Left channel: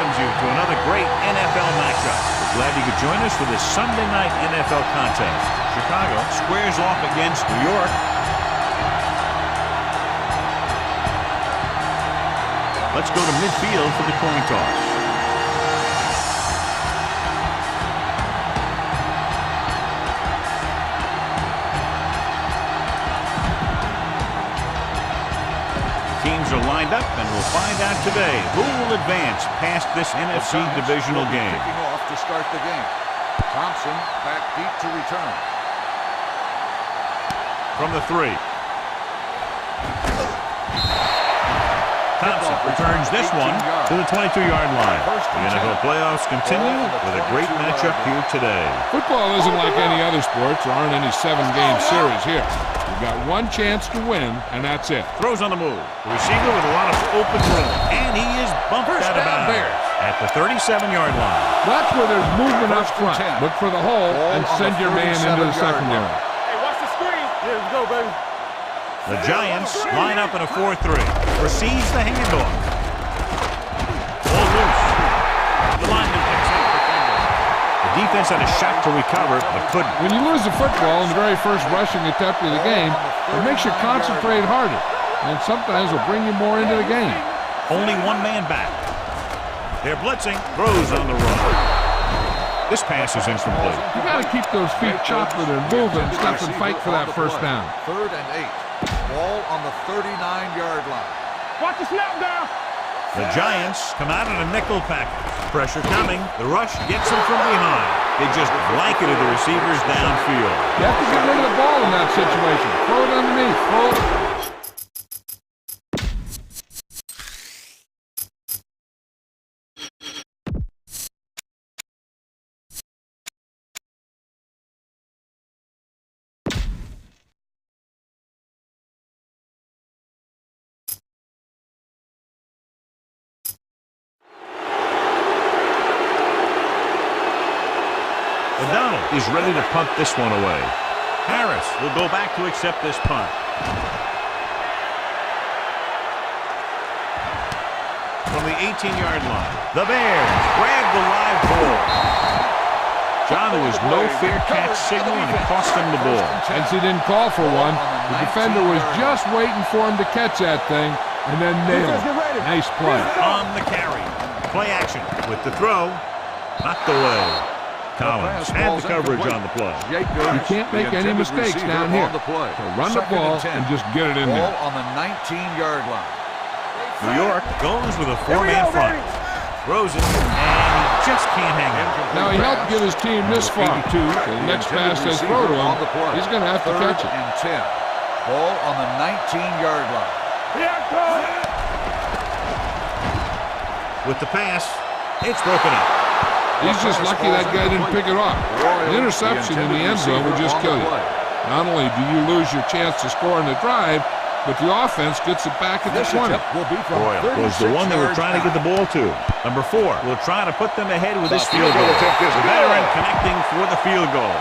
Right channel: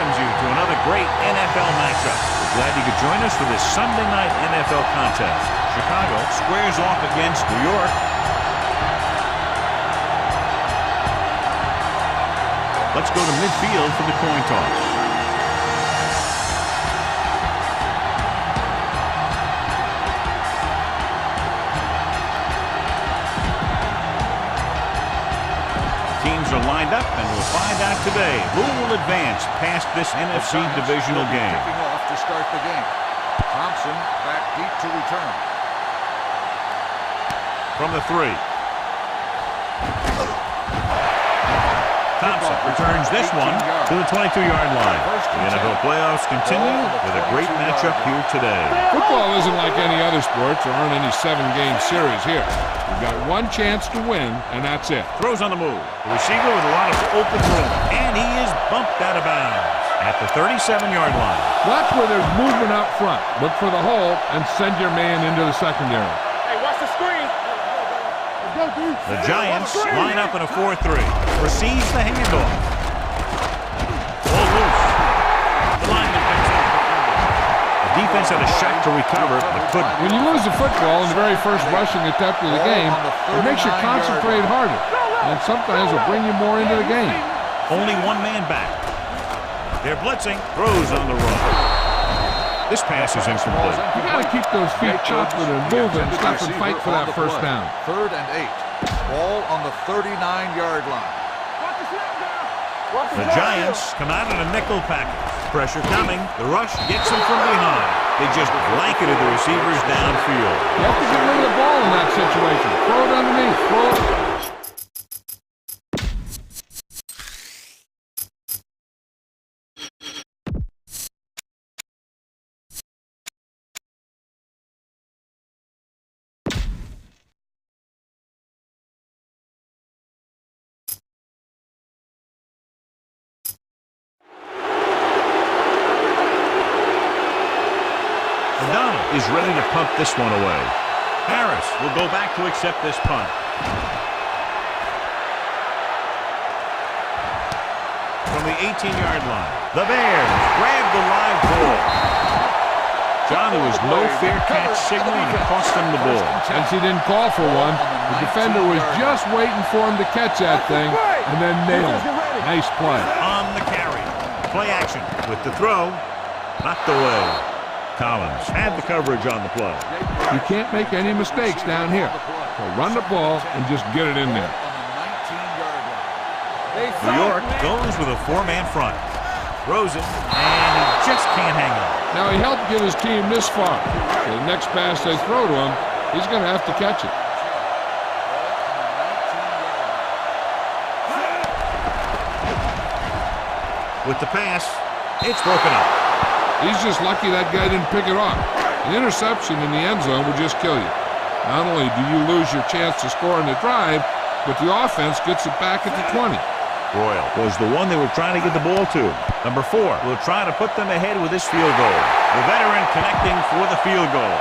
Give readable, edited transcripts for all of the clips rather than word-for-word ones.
welcomes you to another great NFL matchup. We're glad you could join us for this Sunday night NFL contest. Chicago squares off against New York. Let's go to midfield for the coin toss. Teams are lined up, and we'll find out today who will advance past this NFC divisional game. Kicking off to start the game. Thompson back deep to return. From the 3. Thompson returns this one to the 22-yard line. The NFL playoffs continue with a great matchup here today. Football isn't like any other sport. There aren't any 7-game series here. You've got one chance to win, and that's it. Throws on the move. The receiver with a lot of open room, and he is bumped out of bounds at the 37-yard line. Watch where there's movement up front. Look for the hole and send your man into the secondary. Hey, watch the screen. Here we go, baby. The Giants line up in a 4-3. Receives the handoff. Ball loose. The lineman picks up the fumble. The defense had a shot to recover, but couldn't. When you lose the football in the very first rushing attempt of the game, it makes you concentrate harder, and sometimes it'll bring you more into the game. Only one man back. They're blitzing. Throws on the run. This pass is incomplete. You got to keep those feet chopping and moving, stop and fight for that first down. 3rd and 8. Ball on the 39-yard line. Watch the snap down. The Giants come out in a nickel package. Pressure coming. The rush gets them from behind. They just blanketed the receivers downfield. You have to get rid of the ball in that situation. Throw it underneath. Throw it. O'Donnell is ready to punt this one away. Harris will go back to accept this punt. From the 18-yard line, the Bears grab the live ball. John, there was no fair catch signal, and it cost them the ball. Since he didn't call for one, the defender was just waiting for him to catch that thing and then nail it. Nice play. On the carry. Play action with the throw. Knocked away. Collins had the coverage on the play. You can't make any mistakes down here. So run the ball and just get it in there. On the 19-yard line. New York goes with a 4-man front. Throws it, and he just can't hang it. Now, he helped get his team this far. So the next pass they throw to him, he's going to have to catch it. And 10. Ball on the 19-yard line. With the pass, it's broken up. He's just lucky that guy didn't pick it off. An interception in the end zone would just kill you. Not only do you lose your chance to score in the drive, but the offense gets it back at the 20. Royal was the one they were trying to get the ball to. Number 4 will try to put them ahead with this field goal. The veteran connecting for the field goal.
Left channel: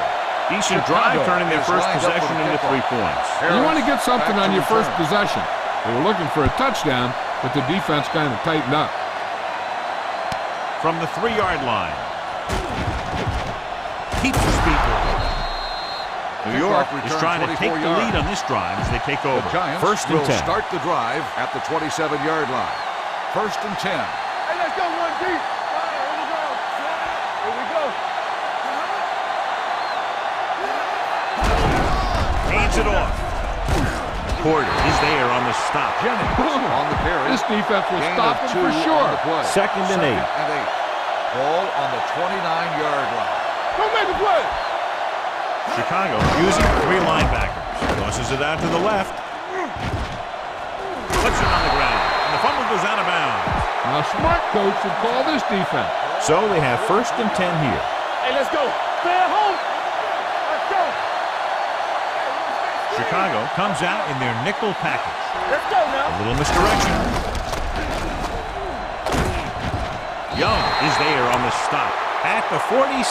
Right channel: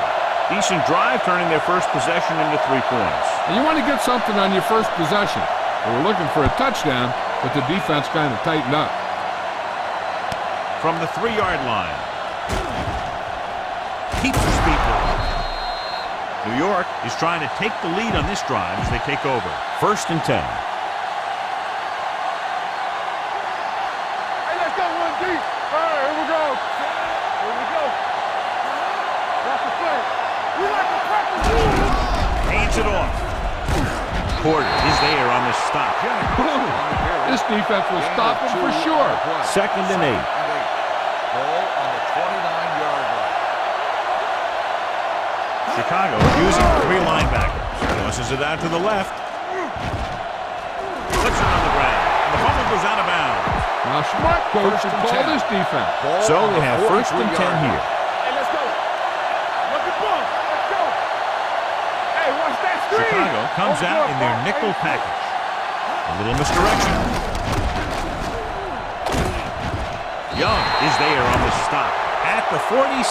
Decent drive, turning their first possession into 3 points. And you want to get something on your first possession. They were looking for a touchdown, but the defense kind of tightened up. From the 3-yard line. Keeps the speed moving. New York is trying to take the lead on this drive as they take over. 1st and 10. Start the drive at the 27-yard line. 1st and 10. Hey, let's go one deep. All right, here we go. Here we go. Watch the play. We like to practice. Hands it off. Porter is there on the stop. On the carry. This defense will stop him for sure. 2nd and 8. Ball on the 29-yard line. Don't make a play. Chicago using 3 linebackers. Tosses it out to the left. Puts it on the ground. And the fumble goes out of bounds. Now, smart coach should call this defense. So they have 1st and 10 here. Hey, let's go. Stay at home. Look at ball. Let's go. Hey, watch that screen. Chicago comes out in their nickel package. Let's go now. A little misdirection. Young is there on the stop at the 47.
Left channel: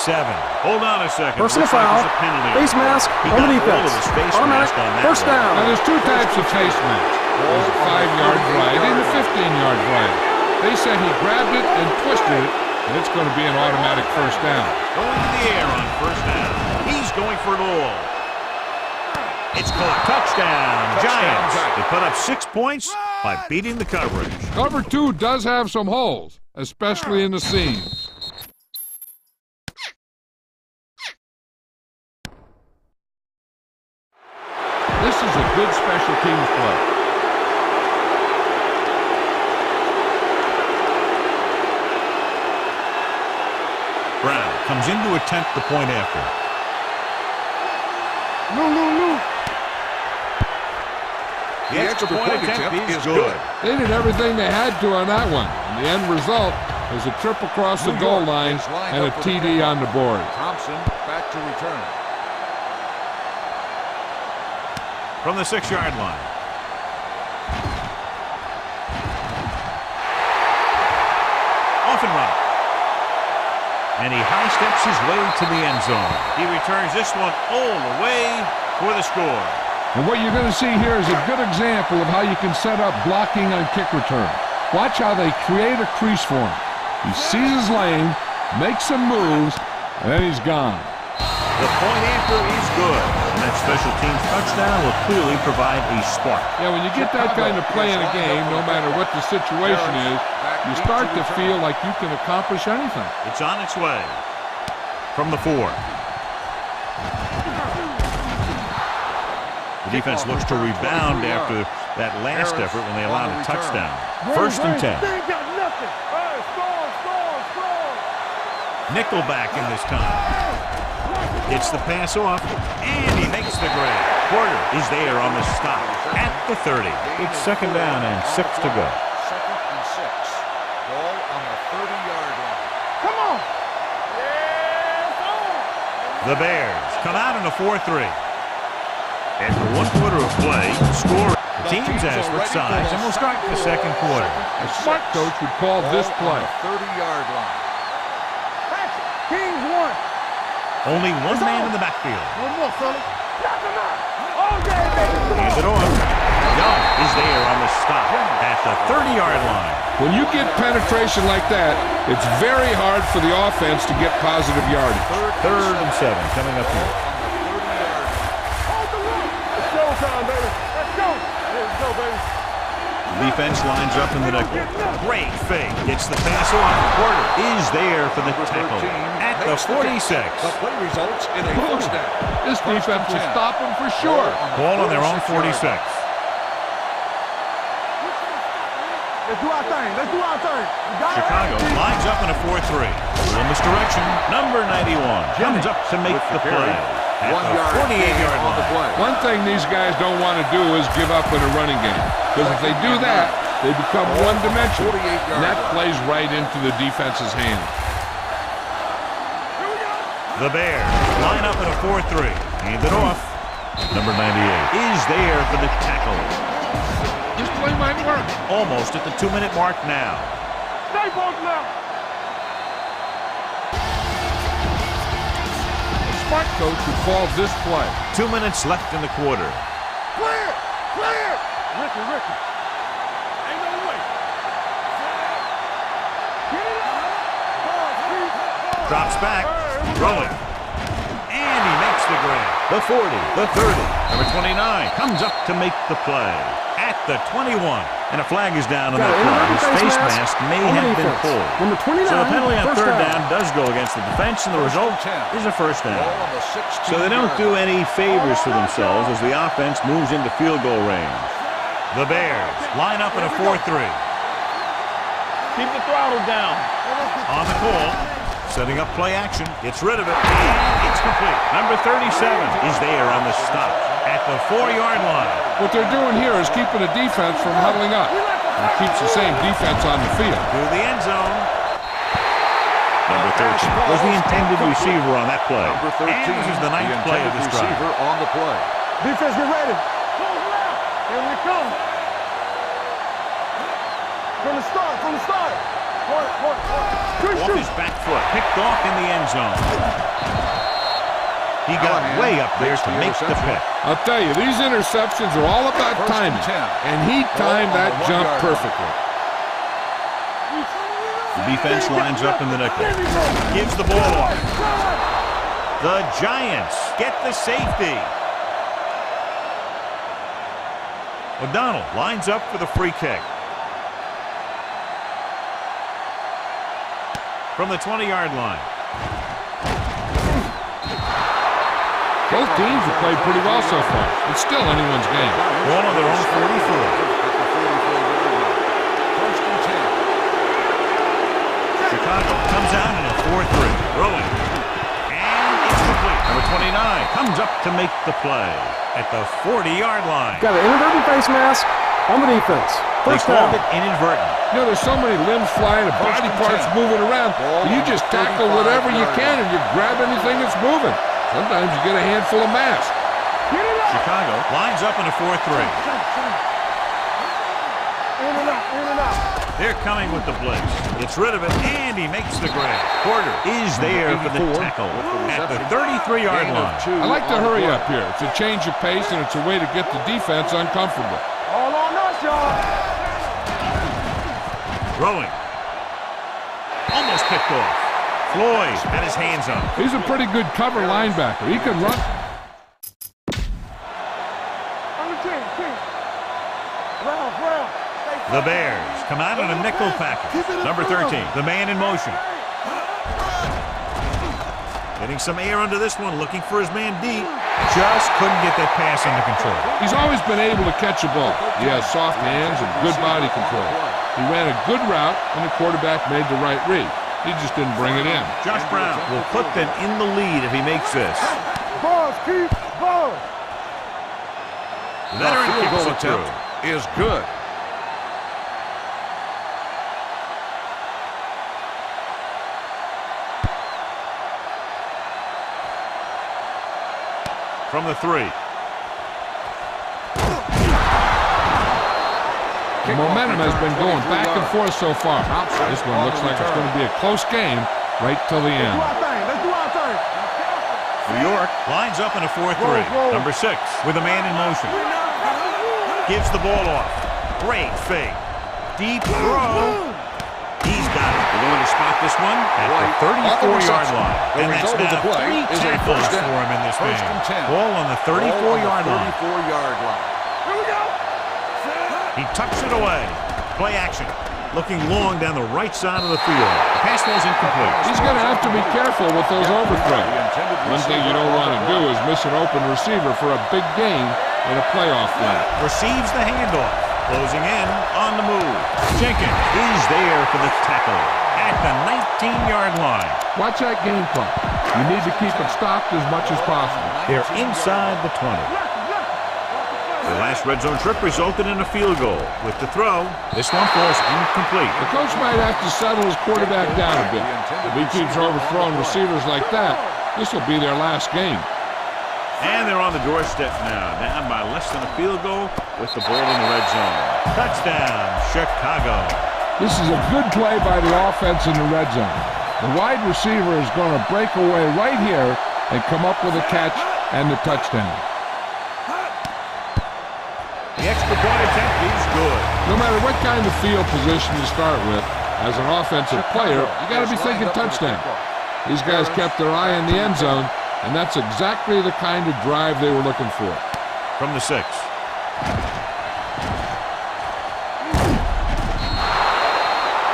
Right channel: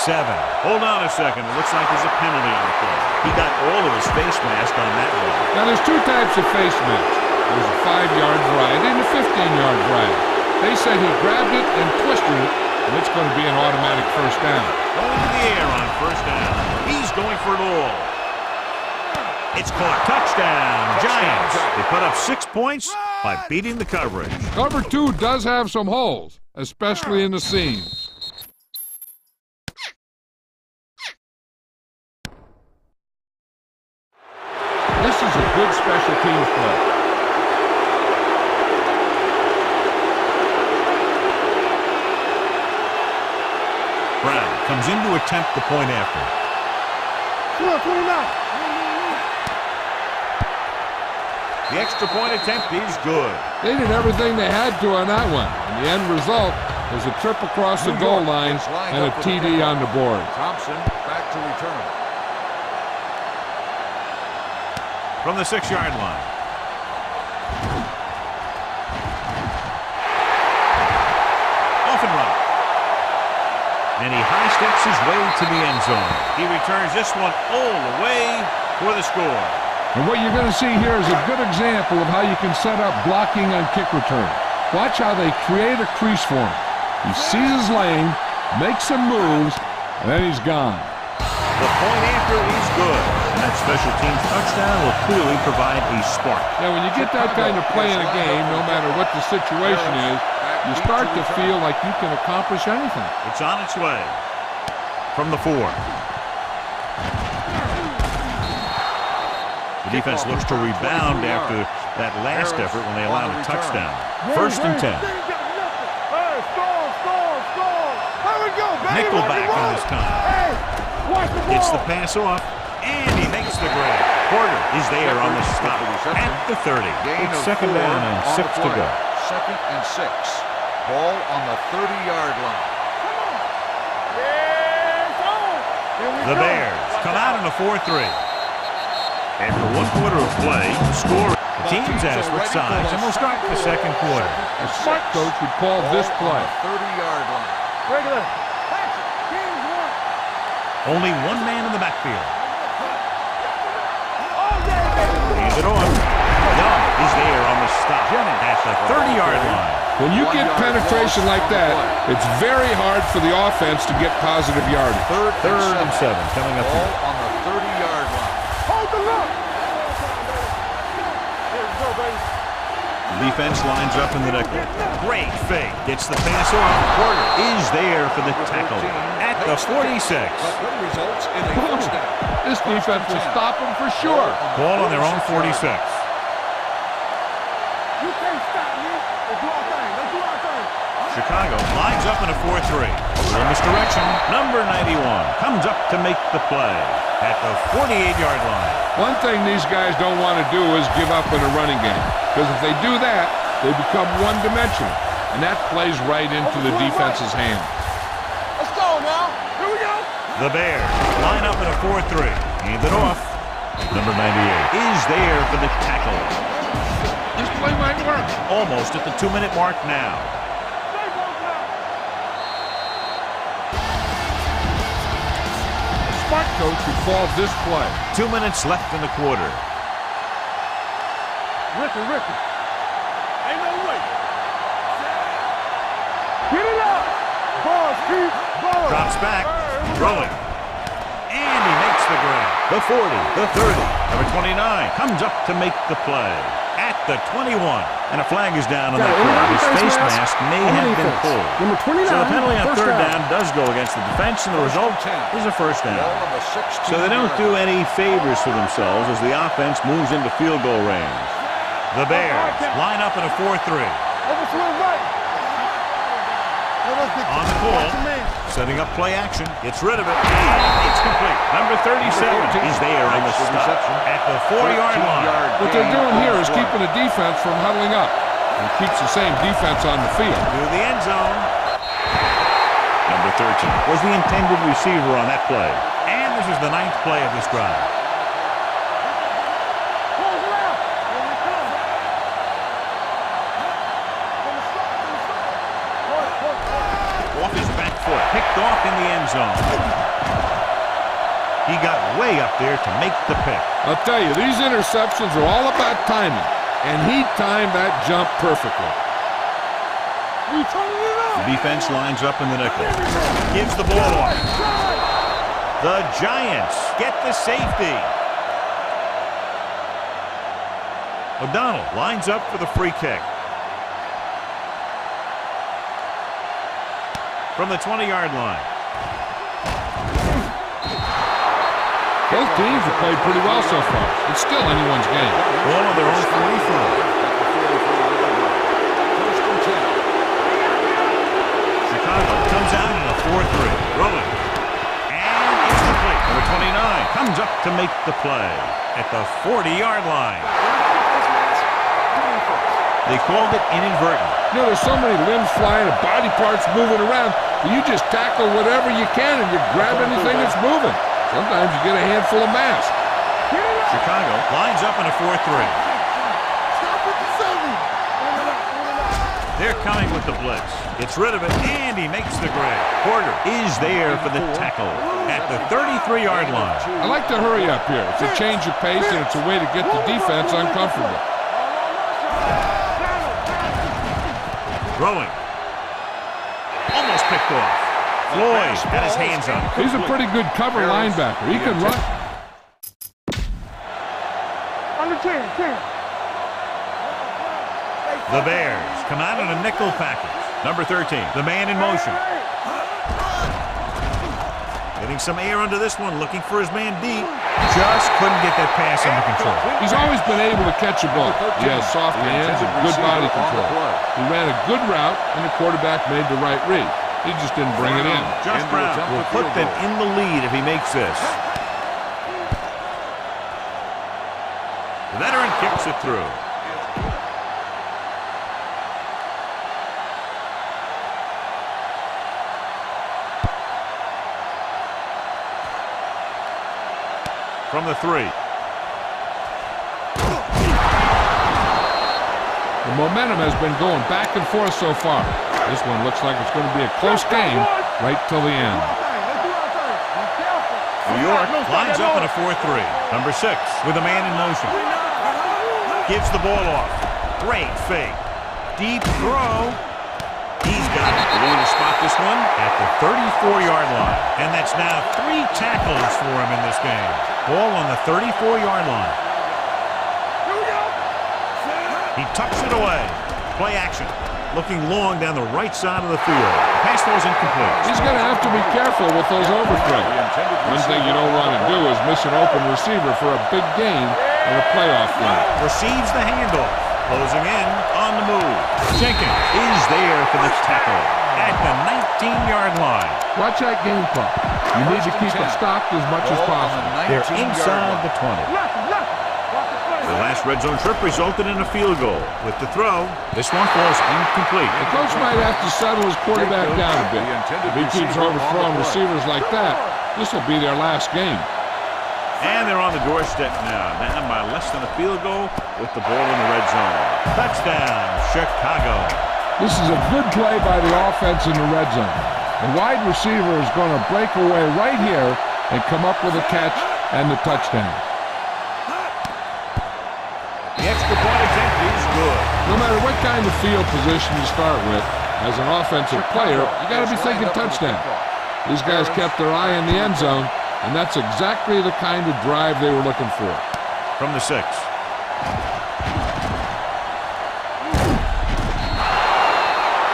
Hold on a second. It looks like there's a penalty. Face mask. He got all of his face mask on that one. Now, there's 2 types of face masks. There's a 5-yard variety and a 15-yard variety. They said he grabbed it and twisted it, and it's going to be an automatic first down. Going to the air on first down. He's going for it all. It's caught. Touchdown, Giants. They put up 6 points by beating the coverage. Cover 2 does have some holes, especially in the seams. This is a good special teams play. Brown comes in to attempt the point after. The extra point attempt is good. They did everything they had to on that one, and the end result was a trip across the goal line and a TD on the board. Thompson back to return. From the 6-yard line. Off and running. And he high steps his way to the end zone. He returns this one all the way for the score. And what you're going to see here is a good example of how you can set up blocking on kick returns. Watch how they create a crease for him. He sees his lane, makes some moves, and then he's gone. The point after is good, and that special teams touchdown will clearly provide a spark. Yeah, when you get that kind of play in a game, no matter what the situation is, you start to feel like you can accomplish anything. It's on its way. From the 4. The defense looks to rebound after that last effort when they allowed a touchdown. First and 10. Nickelback in this time. Gets the pass off, and he makes the grab. Porter is there on the stop at the 30. It's second down and 6 to go. Second and 6. Ball on the 30-yard line. Come on. The Bears come out in a 4-3. After 1 quarter of play, the score. The teams has switched sides, and we'll start the second quarter. A smart coach would call this play. 30-yard line. Regular. Action. Kings 1. Only one man in the backfield. No more, fella. Knock him out. All day, baby. Hands it off. Young is there on the stop at the 30-yard line. When you get penetration like that, it's very hard for the offense to get positive yardage. Third and 7 coming up here. On the 30-yard line. Hold the look. It's showtime, baby. Let's go. Here we go, baby. The defense lines up in the nickel. Great fake. Gets the pass off. Porter is there for the tackle at the 46. The play results in a first down. This defense will stop them for sure. Ball on their own 46. You can't stop me. Let's do our thing. Let's do our thing. Chicago lines up in a 4-3. Little misdirection. Number 91 comes up to make the play at the 48-yard line. One thing these guys don't want to do is give up in a running game. Because if they do that, they become one-dimensional. And that plays right into the defense's hand. Let's go now. Here we go. The Bears line up in a 4-3. Hand it off. Number 98 is there for the tackle. This play might work. Almost at the 2-minute mark now. Stay both now. A smart coach would call this play. 2 minutes left in the quarter. Clear. Clear. Ricky. Ain't no way. Get it up. Ball, Pete. Ball. Drops back. Throwing. And he makes the grab. The 40, the 30. Number 29 comes up to make the play at the 21. And a flag is down on that play. His face mask may have been pulled. Number 29. So the penalty on third down does go against the defense, and the result is a first down. So they don't do any favors for themselves as the offense moves into field goal range. The Bears line up in a 4-3. Keep the throttle down. On the call, setting up play action, gets rid of it, and it's complete. Number 37 is there on the stop at the 4-yard line. What they're doing here is keeping the defense from huddling up. And it keeps the same defense on the field. To the end zone. Number 13 was the intended receiver on that play. And this is the 9th play of this drive. On the play. Defense, get ready. Close left. Here we come. From the start. Off his back foot, picked off in the end zone. He got way up there to make the pick. I'll tell you, these interceptions are all about timing. And he timed that jump perfectly. The defense lines up in the nickel. Gives the ball off. The Giants get the safety. O'Donnell lines up for the free kick. From the 20-yard line. Both teams have played pretty well so far. It's still anyone's game. Ball on their own 44. At the 44-yard line. First and 10. Chicago comes out in a 4-3. Throwing. And it's complete. Number 29 comes up to make the play at the 40-yard line. Got an inadvertent face mask on the defense. They called it inadvertent. You know, there's so many limbs flying and body parts moving around. You just tackle whatever you can and you grab anything that's moving. Sometimes you get a handful of masks. Chicago lines up in a 4-3. They're coming with the blitz. Gets rid of it, and he makes the grab. Porter is there for the tackle at the 33-yard line. I like to hurry up here. It's a change of pace, and it's a way to get the defense uncomfortable. Throwing. Almost picked off. Floyd had his hands up. He's a pretty good cover linebacker. He can run. Under 10, 10. The Bears come out in a nickel package. Number 13, the man in motion. Getting some air under this one, looking for his man deep. Just couldn't get that pass under control. He's always been able to catch a ball. He has soft hands and good body control. He ran a good route, and the quarterback made the right read. He just didn't bring it in. Josh Brown will put them in the lead if he makes this. The veteran kicks it through. Is good. From the 3. The momentum has been going back and forth so far. This one looks like it's going to be a close game right till the end. New York lines up in a 4-3. Number 6 with a man in motion. Gives the ball off. Great fake. Deep throw. He's got it. We're going to spot this one at the 34-yard line. And that's now 3 tackles for him in this game. Ball on the 34-yard line. Here we go. He tucks it away. Play action. Looking long down the right side of the field. The pass ball's incomplete. He's going to have to be careful with those overthrows. One thing you don't want to do is miss an open receiver for a big gain in a playoff game. Receives the handoff. Closing in on the move. Jenkins is there for the tackle at the 19-yard line. Watch that game clock. You need to keep it stopped as much as possible. They're inside the 20. The last red zone trip resulted in a field goal. With the throw, this one falls incomplete. The coach might have to settle his quarterback down a bit. If he keeps overthrowing receivers like that, this will be their last game. And they're on the doorstep now, down by less than a field goal with the ball in the red zone. Touchdown, Chicago. This is a good play by the offense in the red zone. The wide receiver is going to break away right here and come up with a catch and the touchdown. The extra point attempt is good. No matter what kind of field position you start with, as an offensive player, you got to be thinking touchdown. These guys kept their eye on the end zone, and that's exactly the kind of drive they were looking for. From the 6.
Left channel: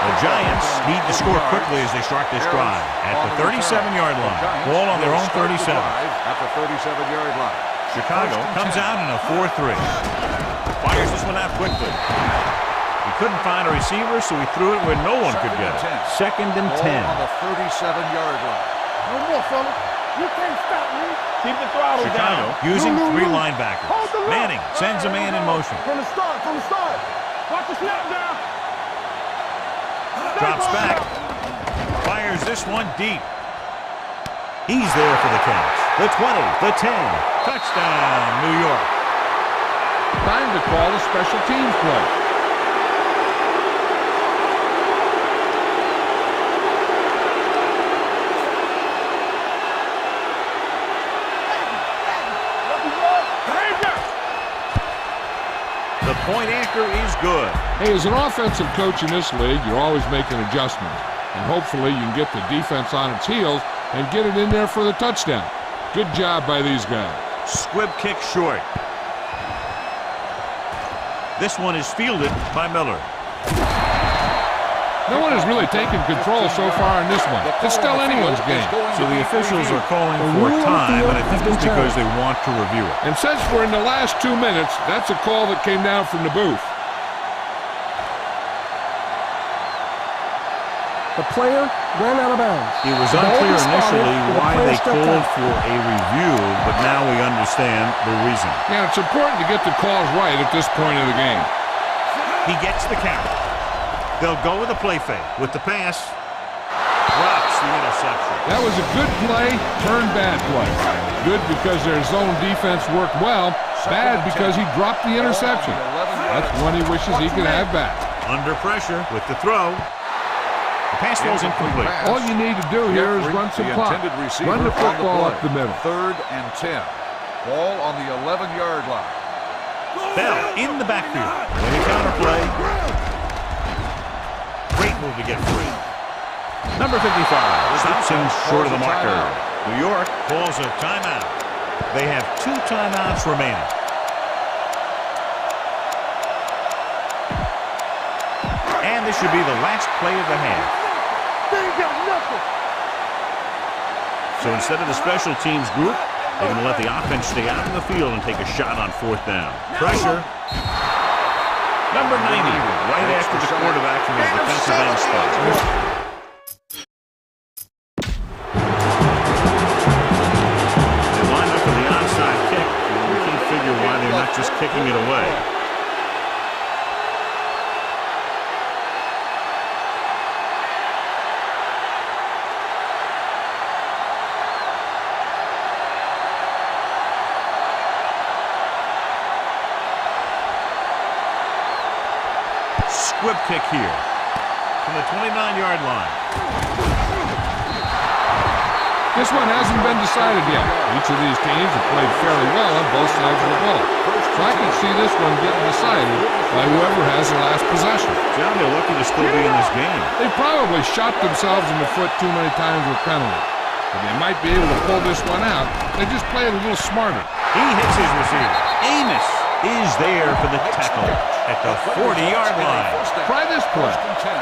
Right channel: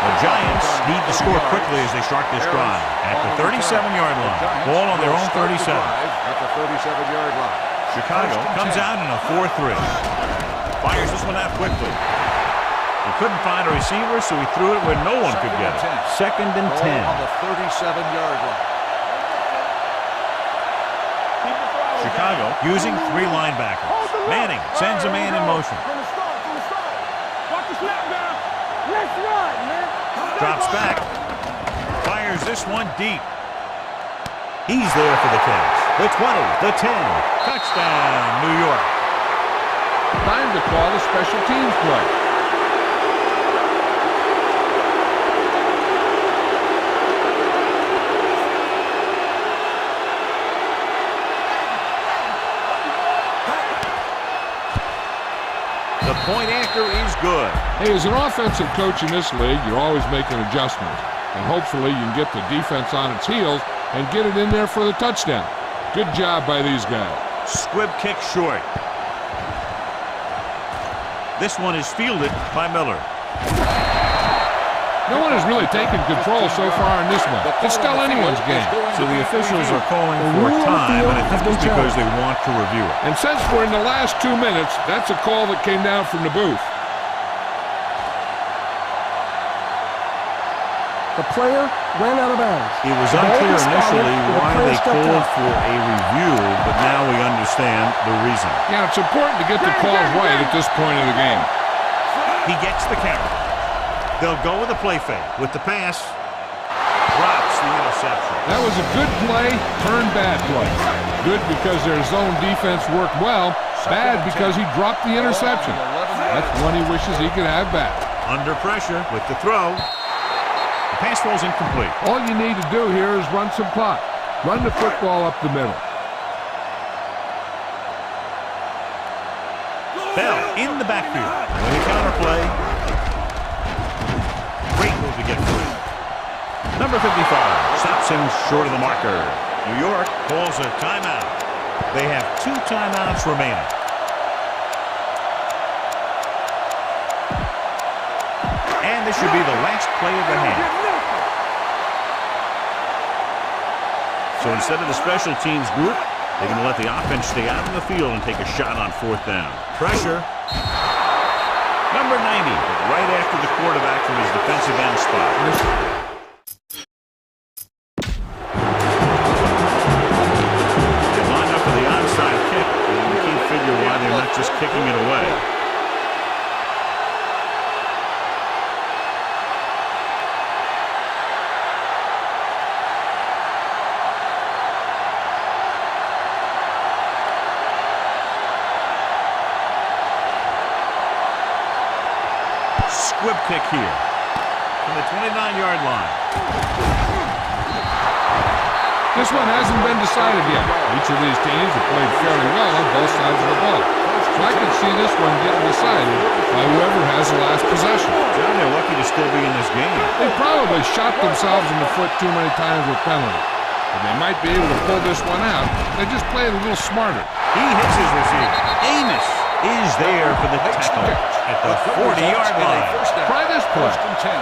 The Giants need to score quickly as they start this drive at the 37-yard line. Ball on their own 37. At the 37-yard line. Chicago comes out in a 4-3. Fires this one out quickly. He couldn't find a receiver, so he threw it where no one could get it. 2nd and 10. On the 37-yard line. No more, fella. You can't stop me. Keep the throttle Chicago down. using 3 linebackers. Manning sends a man in motion. From the start, from the start. Watch the snap down. Let's run, man. Drops back. Fires this one deep. He's there for the catch. The 20, the 10. Touchdown, New York. Time to call a special teams play. The The point after is good. Hey, as an offensive coach in this league, you're always making adjustments. And hopefully you can get the defense on its heels and get it in there for the touchdown. Good job by these guys. Squib kick short. This one is fielded by Miller. No one has really taken control so far in this one. It's still anyone's game. So the officials are calling for time, and I think it's because they want to review it. And since we're in the last 2 minutes, that's a call that came down from the booth. The player ran out of bounds. It was unclear initially why they called for a review, but now we understand the reason. Yeah, it's important to get the calls right at this point of the game. He gets the carry. They'll go with a play fake. With the pass, drops the interception. That was a good play, turned bad play. Good because their zone defense worked well. Bad because he dropped the interception. That's one he wishes he could have back. Under pressure with the throw. The pass falls incomplete. All you need to do here is run some clock. Run the football up the middle. 3rd and 10. Ball on the 11-yard line. Bell in the backfield. When you counterplay. Great move to get free. Number 55 stops him short of the marker. New York calls a timeout. They have 2 timeouts remaining. And this should be the last play of the half. So instead of the special teams group, they're going to let the offense stay out in the field and take a shot on 4th down. Pressure. Number 90, right after the quarterback from his defensive end spot. They line up for the onside kick, and you can't figure why they're not just kicking it away. Squib kick here from the 29-yard line. This one hasn't been decided yet. Each of these teams have played fairly well on both sides of the ball. So I can see this one getting decided by whoever has the last possession. John, they're lucky to still be in this game. They probably shot themselves in the foot too many times with penalties. But they might be able to pull this one out. They just play it a little smarter. He hits his receiver. Amos is there for the tackle at the 40-yard line. Try this play. 1st and 10.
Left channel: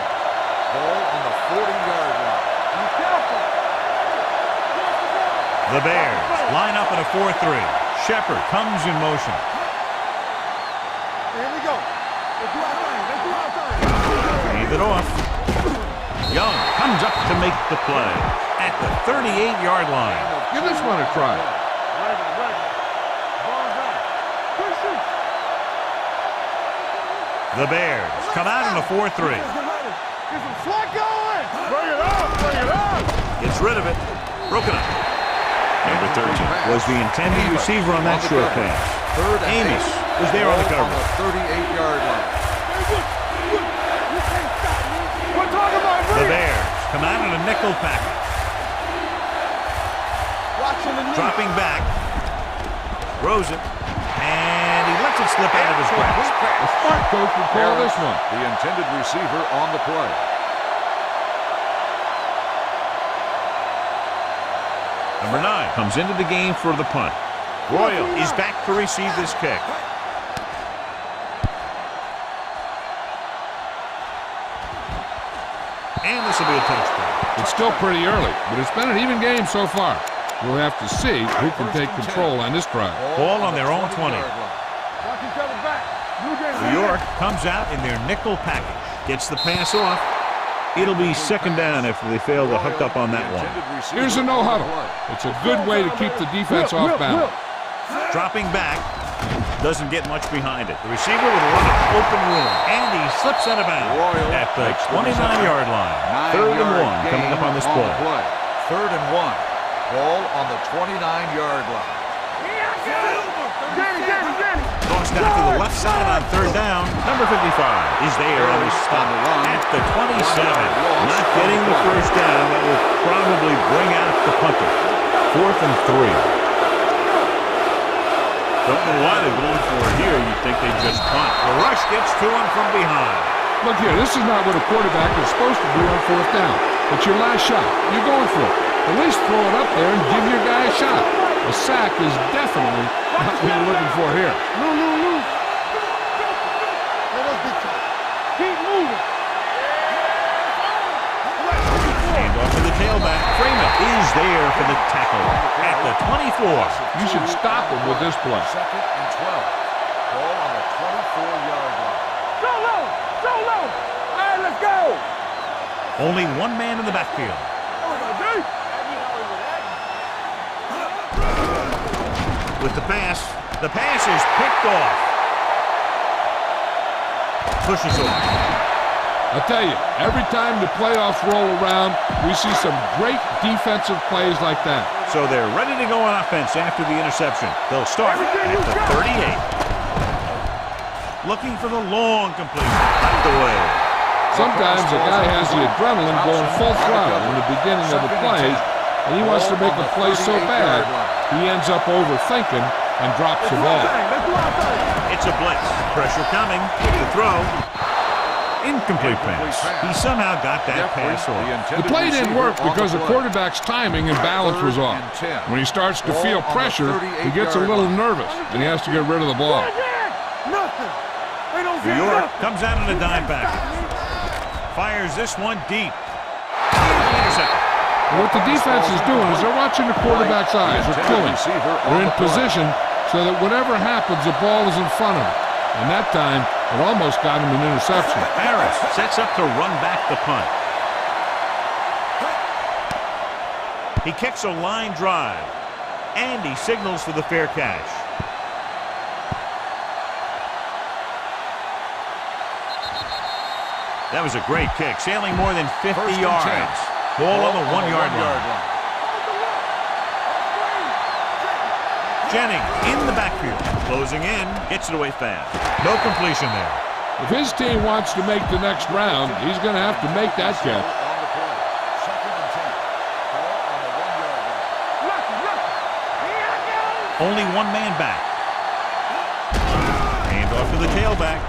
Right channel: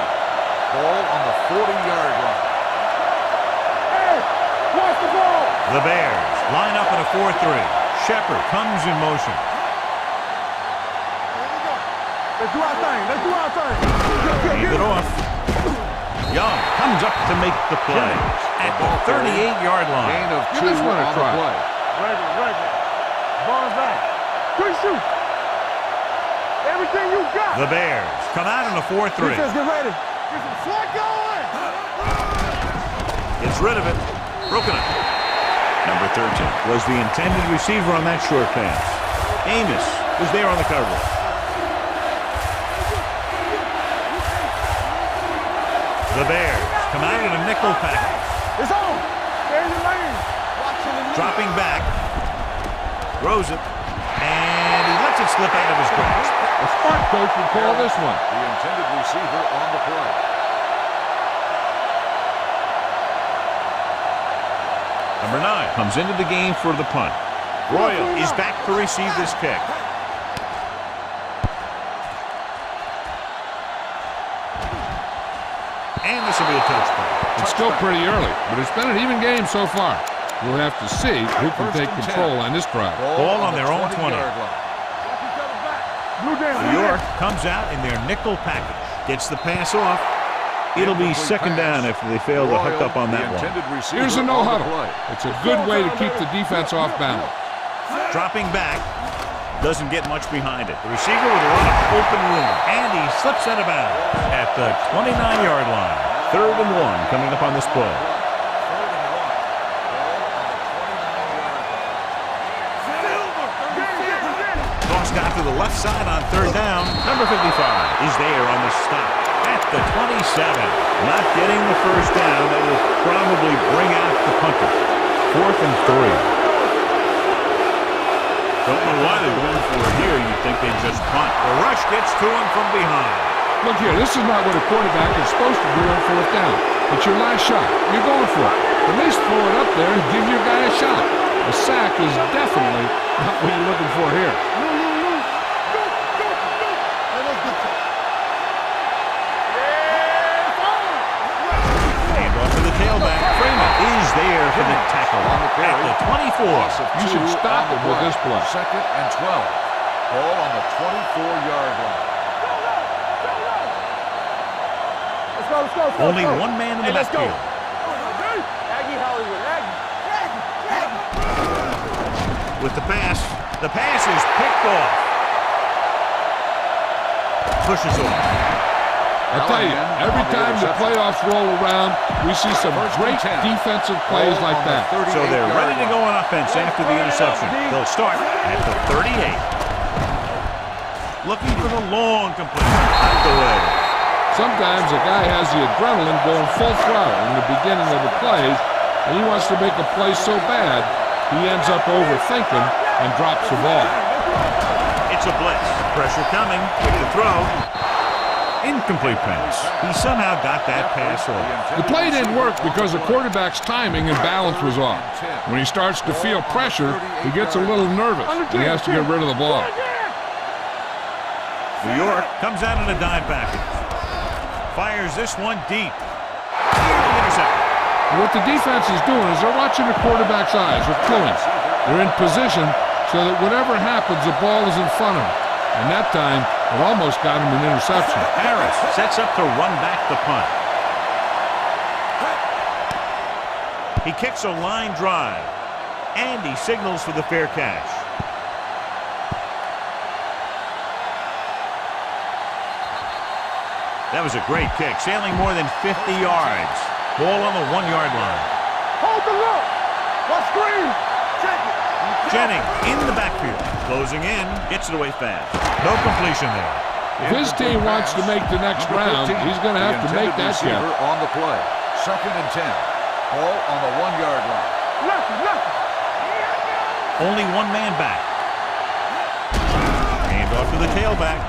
Ball on the 40-yard line. Be careful. Hey, watch the ball. The Bears line up in a 4-3. Shepard comes in motion. Here we go. Let's do our thing. Let's do our thing. Hand it off. Young comes up to make the play at the 38-yard line. Give this one a try. Regular. Bonsai. Quick shoot. Everything you got. The Bears come out in a 4-3. Defense, get ready. Get some slack going. Bring it up. Gets rid of it. Broken up. Number 13 was the intended receiver on that short pass. Amos was there on the coverage. 38-yard line. We're talking about The Bears come out in a nickel package. It's on. Stay in your lane. Watching the knee. Dropping back. Throws it. And he lets it slip out of his grasp. A smart coach would call this one. The intended receiver on the play. Number 9 comes into the game for the punt. Royal is back to receive this kick. And this will be a touchdown. It's still pretty early, but it's been an even game so far. We'll have to see who can take control on this drive. Ball on their own 20. Watch each other back. Blue Jays. New York comes out in their nickel package. Gets the pass off. It'll be 2nd down after they fail to hook up on that one. Here's a no huddle. It's a good way to keep the defense off balance. Dropping back. Doesn't get much behind it. The receiver with a lot of open room. And he slips out of bounds at the 29-yard line. 3rd and 1 coming up on this play. 3rd and 1. Ball on the 29-yard line. Danny. Tossed out to the left side on 3rd down. Number 55 is there on this stop at the 27. Not getting the 1st down. That will probably bring out the punter. 4th and 3. Don't know why they're going for it here. You'd think they'd just punt. The rush gets to him from behind. Look here, this is not what a quarterback is supposed to do on fourth down. It's your last shot. You're going for it. At least throw it up there and give your guy a shot. A sack is definitely not what you're looking for here. Loose. Go. Let us get you. Keep moving. Yeah, it's on. Hand off to the tailback. Freeman is there for the tackle at the 24. You should stop him with this play. 2nd and 12. Ball on the 24-yard line. Go low. Hey, let's go. Only one man in the backfield. Aggie Hollywood, Aggie. With the pass is picked off. Pushes off. I'll tell you, every time the playoffs roll around, we see some great defensive plays like that. So they're ready to go on offense after the interception. They'll start at the 38. Looking for the long completion. Knocked away. Sometimes a guy has the adrenaline going full throttle in the beginning of the plays, and he wants to make a play so bad, he ends up overthinking and drops the ball. It's a blitz. Pressure coming with the throw. Incomplete pass. He somehow got that pass off. The play didn't work because the quarterback's timing and balance was off. When he starts to feel pressure, he gets a little nervous, and he has to get rid of the ball. New York comes out in a dime package. Fires this one deep. Clearly intercepted. What the defense is doing is they're watching the quarterback's eyes. They're cluing. They're in position so that whatever happens, the ball is in front of him. And that time, it almost got him an interception. Harris sets up to run back the punt. He kicks a line drive. And he signals for the fair catch. That was a great kick, sailing more than 50 yards. Ball on the 1-yard line. Hold the look. What screen? Check it. Jennings in the backfield. Closing in. Gets it away fast. No completion there. If his team wants to make the next round, he's going to have to make that catch. On the play. 2nd and 10. Ball on the 1-yard line. Nothing. Here I go. Only one man back. Hand off to the tailback.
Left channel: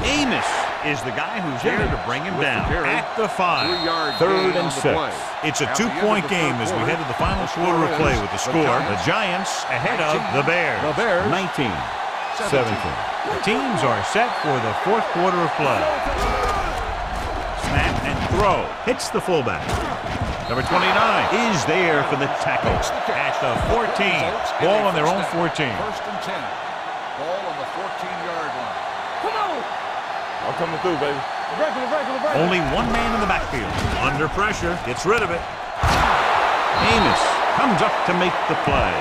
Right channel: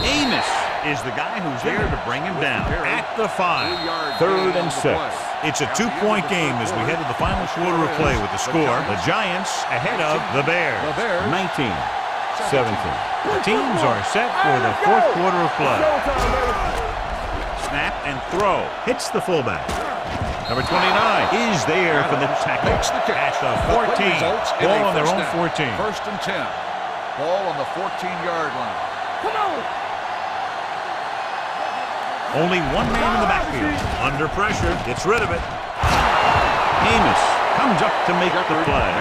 Amos is the guy who's there to bring him down at the 5. 3rd and 6. It's a 2-point game as we head to the final quarter of play with the score. The Giants ahead of the Bears. 19-17. The teams are set for the 4th quarter of play. Snap and throw. Hits the fullback. Number 29 is there for the tackle at the 14. Ball on their own 14. 1st and 10. Ball on the 14-yard line. Come on. I'm coming through, baby. Only one man in the backfield. Under pressure. Gets rid of it. Amos comes up to make the play.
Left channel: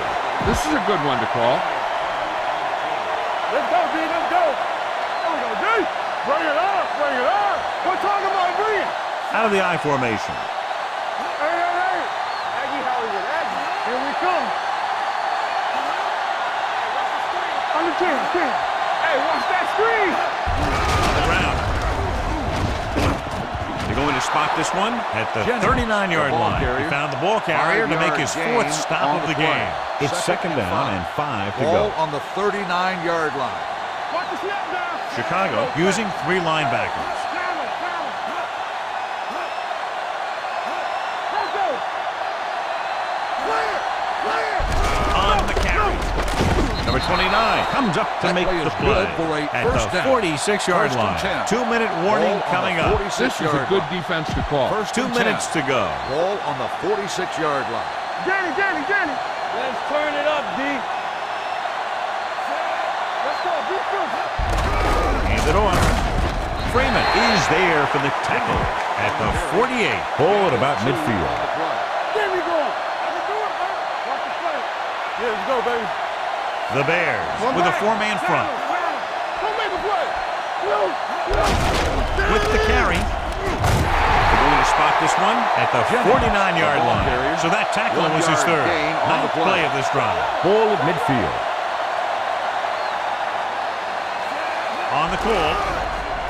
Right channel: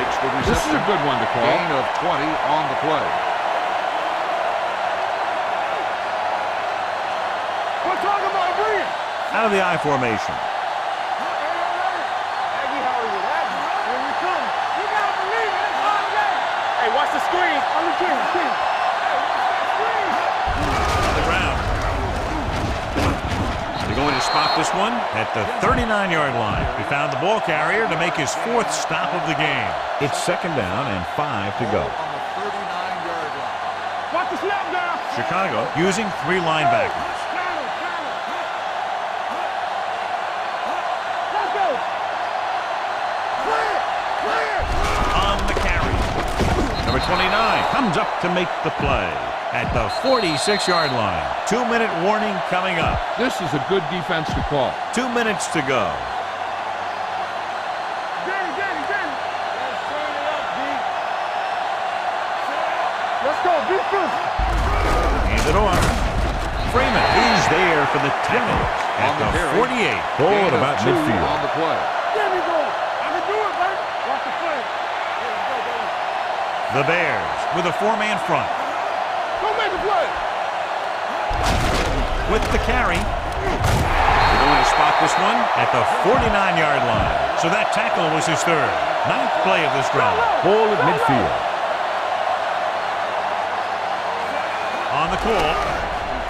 This is a good one to call. Gain of 20 on the play. Let's go, D. Let's go. Bring it up. We're talking about bring it. Out of the I formation. Hey. Aggie Hollywood, Aggie. Here we come. Hey, watch the screen. Under 10. Hey, watch that screen. On the ground. They're going to spot this one at the 39-yard line. He found the ball carrier to make his 4th stop of the game. It's 2nd down and 5 to go. On the 39-yard line. Watch the snap down. Chicago using 3 linebackers. Let's go. Clear. On the carry. Number 29 comes up to make the play at the 46-yard line. 2-minute warning coming up. This is a good defense to call. 2 minutes to go. Ball on the 46-yard line. Danny. Let's turn it up, D. Let's go, defense. Hand it off. Freeman is there for the tackle at the 48. Ball at about midfield. On the play. Get me going. I can do it, baby. Watch the play. Yeah, let's go, baby. The Bears with a 4-man front. Don't make a play. With the carry. They're going to spot this one at the 49-yard line. So that tackle was his 3rd. 9th play of this drive. Ball at midfield. On the call.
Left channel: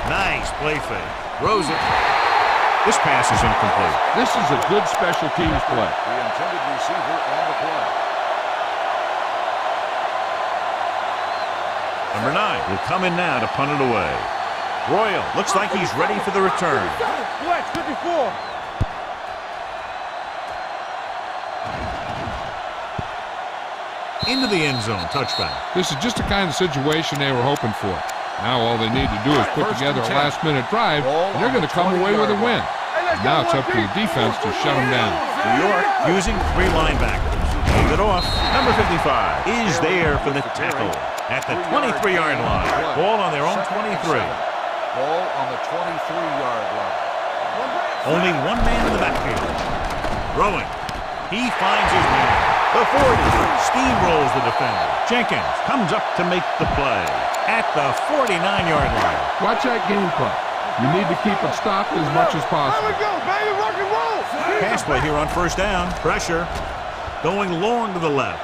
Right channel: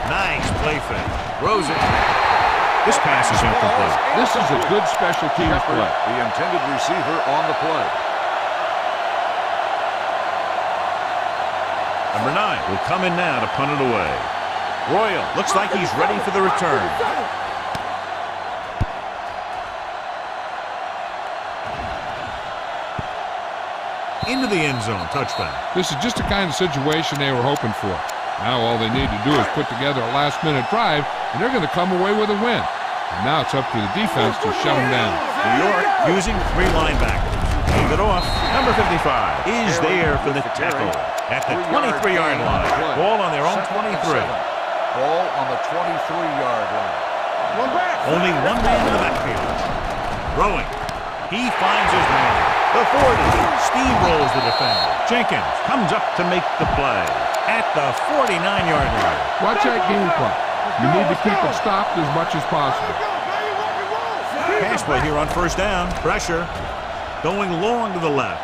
Nice play fake. Throws it. This pass is incomplete. This is a good special teams play. The intended receiver on the play. Number 9 will come in now to punt it away. Royal looks like he's ready for the return. Flex, 54. Into the end zone, touchback. This is just the kind of situation they were hoping for. Now all they need to do is put together a last-minute drive, and they're going to come away with a win. And now it's up to the defense to shut them down. New York using 3 linebackers. Hand it off. Number 55 is there for the tackle at the 23-yard line. Ball on their own 23. Ball on the 23-yard line. Only one man in the backfield. Throwing. He finds his man. The 40 steamrolls the defender. Jenkins comes up to make the play at the 49-yard line. Watch that game clock. You need to keep it stopped as much as possible. Pass play here on first down. Pressure. Going long to the left.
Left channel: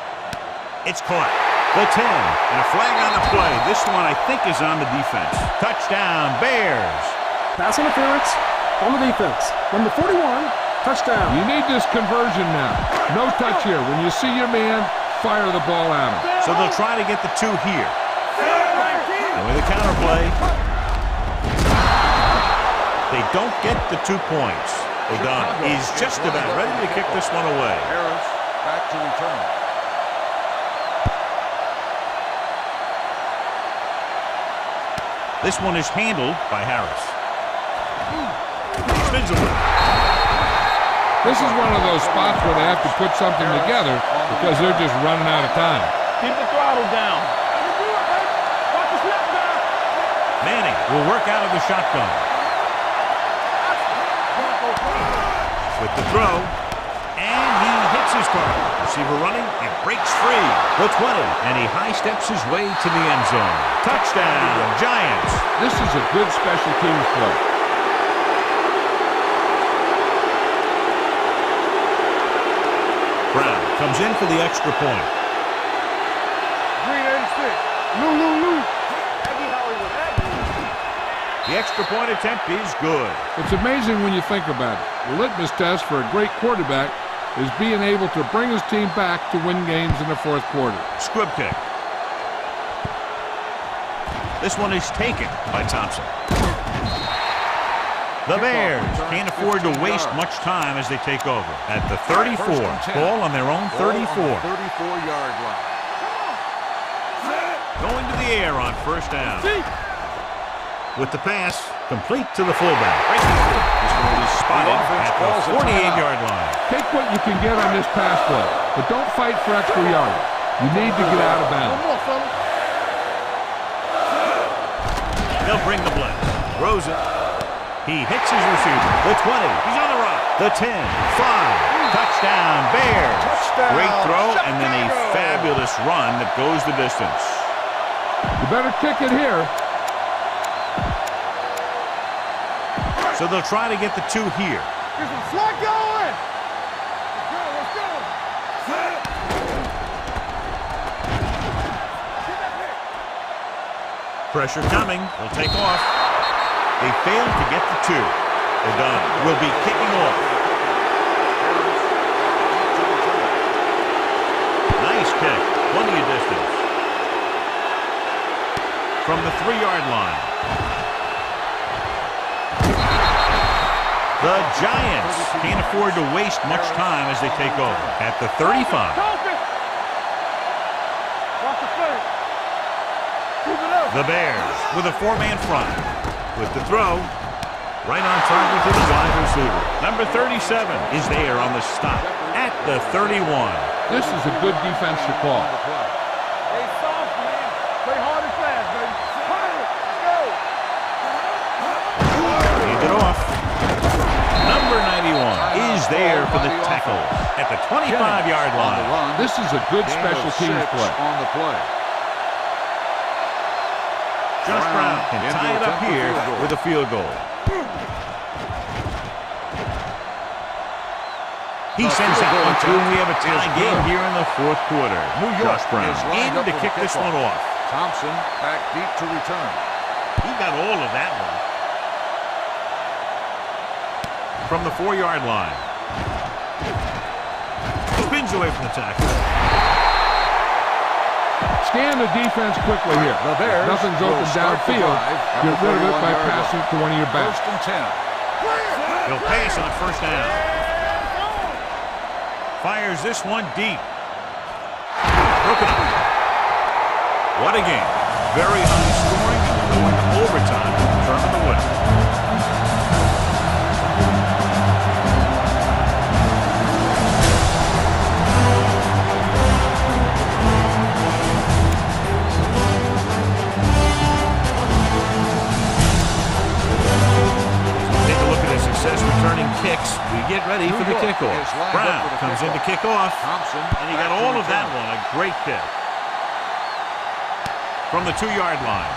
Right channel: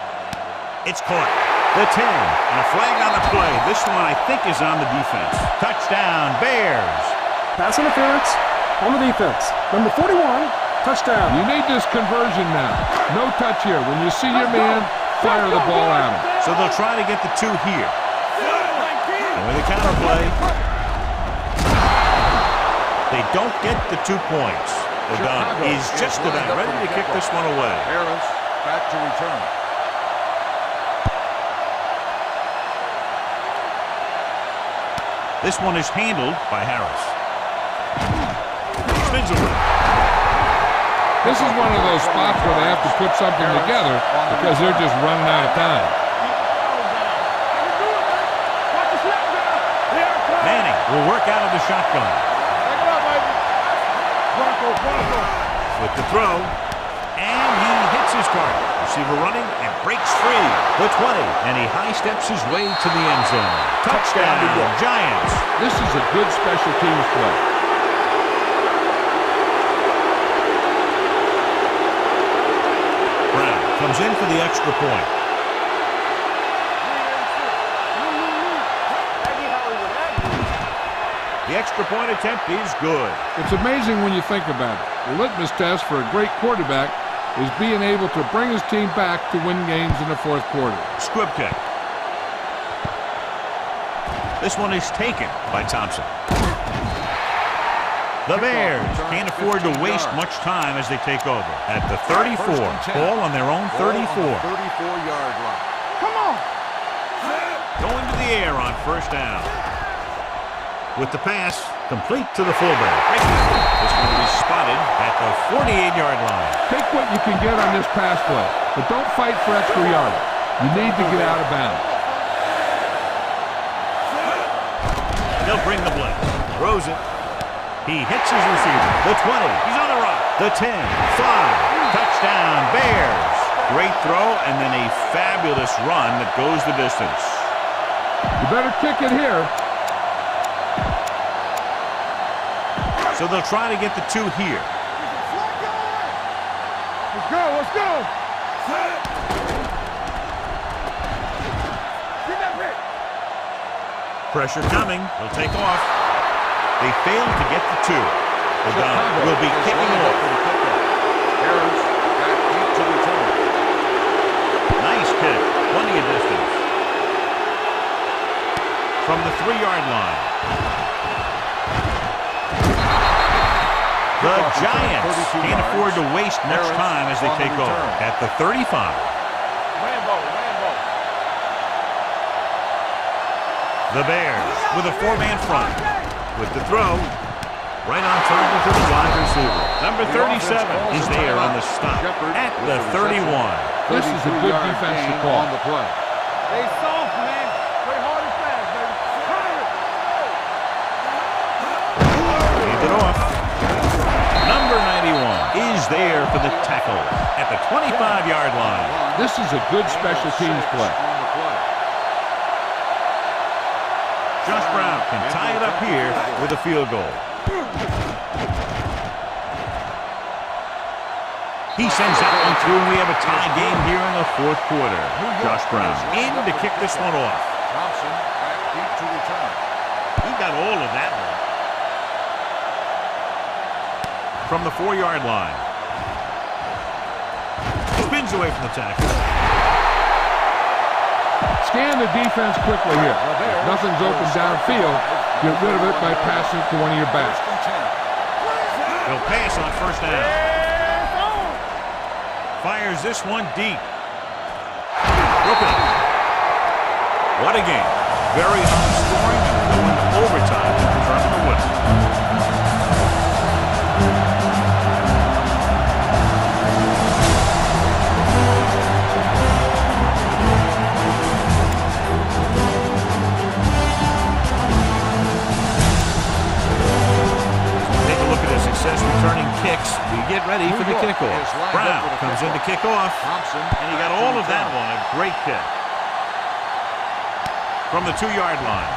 It's caught. The 10. And a flag on the play. This one, I think, is on the defense. Touchdown, Bears. Pass interference on the defense. Number 41, touchdown. You need this conversion now. No touch here. When you see your man, fire the ball at him. So they'll try to get the 2 here. And with a counter play, they don't get the 2 points. O'Donnell is just about ready to kick this one away. Harris back to return. This one is handled by Harris. Spins away. This is one of those spots where they have to put something together because they're just running out of time. Keep the throttle down. I can do it, baby. Watch the snap down. Manning will work out of the shotgun. With the throw, and he hits his target. Receiver running and breaks free. The 20, and he high steps his way to the end zone. Touchdown, Giants. This is a good special teams play. Brown comes in for the extra point. Green 86. Lou. Aggie Hollywood, Aggie. The extra point attempt is good. It's amazing when you think about it. The litmus test for a great quarterback is being able to bring his team back to win games in the fourth quarter. Squib kick. This one is taken by Thompson. The Bears can't afford to waste much time as they take over. At the 34, ball on their own 34. 34-yard line. Come on. Going to the air on first down. With the pass, complete to the fullback. This one will be spotted at the 48-yard line. Take what you can get on this pass play, but don't fight for extra yardage. You need to get out of bounds. They'll bring the blitz. Throws it. He hits his receiver. The 20. He's on the run. The 10. 5. Touchdown, Bears. Great throw and then a fabulous run that goes the distance. You better kick it here. So they'll try to get the 2 here. Get some slack going. Let's go. Get that pick. Pressure coming. They'll take off. They failed to get the 2. O'Donnell will be kicking off. Harris back deep to return. Nice kick. Plenty of distance. From the 3-yard line. The Giants can't afford to waste much time as they take over. At the 35. The Bears with a 4-man front. With the throw, right on target to the wide receiver. Number 37 is there on the stop at the 31. This is a good defensive call. Stay soft, man. Play hard and fast, baby. Hand it off. Number 91 is there for the tackle at the 25-yard line. This is a good special teams play. On the play. Josh Brown can tie it up here with a field goal. He sends that one through, and we have a tie game here in the fourth quarter. Josh Brown in to kick this one off. Thompson back deep to return. He got all of that one. From the 4-yard line. Spins away from the tackle. Scan the defense quickly here. The Bears If nothing's will open start the downfield, drive at get the rid of it by 31-yard passing line. it to one of your backs. First and 10. He'll pass on first down. Fires this one deep. Broken up. What a game. Very high scoring, and we're going to overtime to determine the winner. Success returning kicks. We get ready for the kickoff. Brown comes in to kick off. Thompson, and he got all of that one. A great kick. From the 2-yard line.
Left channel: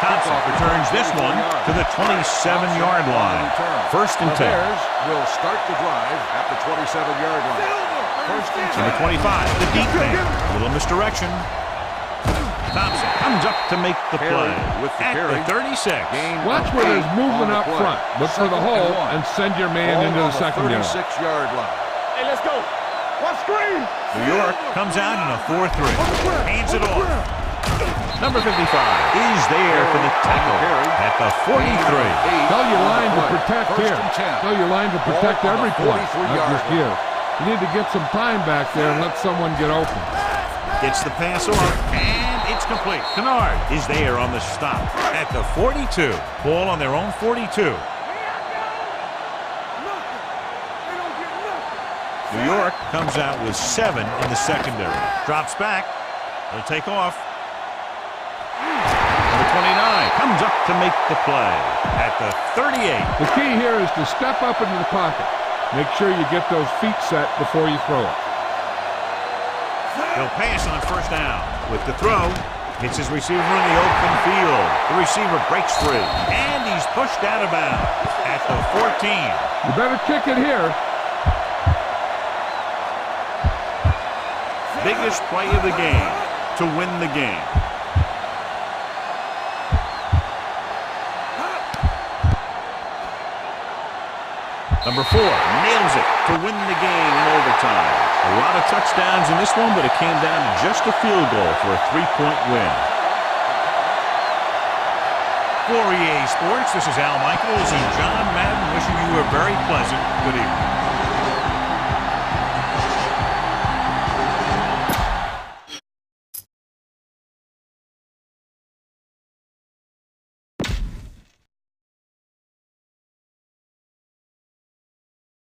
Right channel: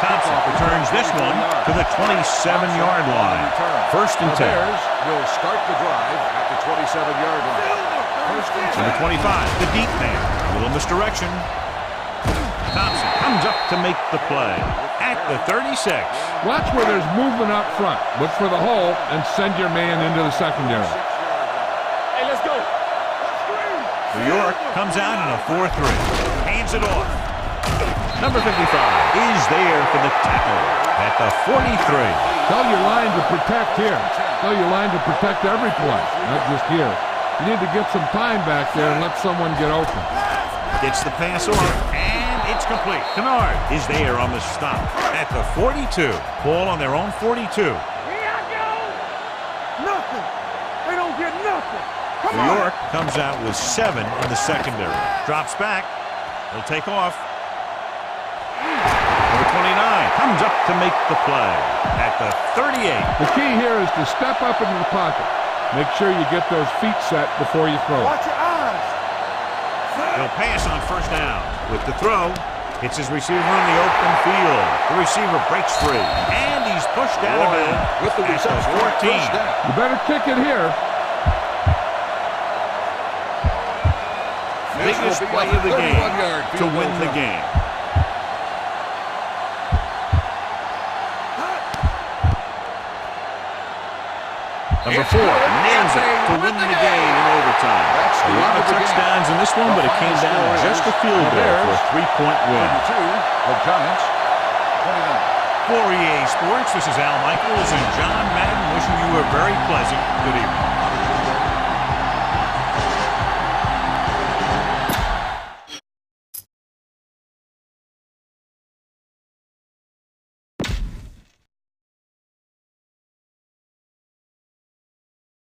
Thompson returns this one to the 27-yard line. First and 10. The Bears will start the drive at the 27-yard line. First and 10. Number 25, the deep man. A little misdirection. Thompson comes up to make the play at the 36. Watch where there's movement up front. Look for the hole and send your man into the secondary. 36-yard line. Hey, let's go. One screen. New York comes out in a 4-3. Hands it off. Number 55 is there for the tackle at the 43. Tell your line to protect here. Tell your line to protect every play, not just here. You need to get some time back there and let someone get open. Gets the pass off, and it's complete. Kennard is there on the stop at the 42. Ball on their own 42. Here I go. Nothing. They don't get nothing. New York comes out with 7 in the secondary. Drops back. He'll take off. Number 29 comes up to make the play at the 38. The key here is to step up into the pocket. Make sure you get those feet set before you throw it. Watch your eyes. He'll pass on first down. With the throw, hits his receiver in the open field. The receiver breaks free, and he's pushed out of bounds at the 14. You better kick it here. Biggest play of the game to win the game. Number 4 nails it to win the game in overtime. A lot of touchdowns in this one, but it came down to just a field goal for a 3-point win. For EA Sports, this is Al Michaels and John Madden wishing you a very pleasant good evening.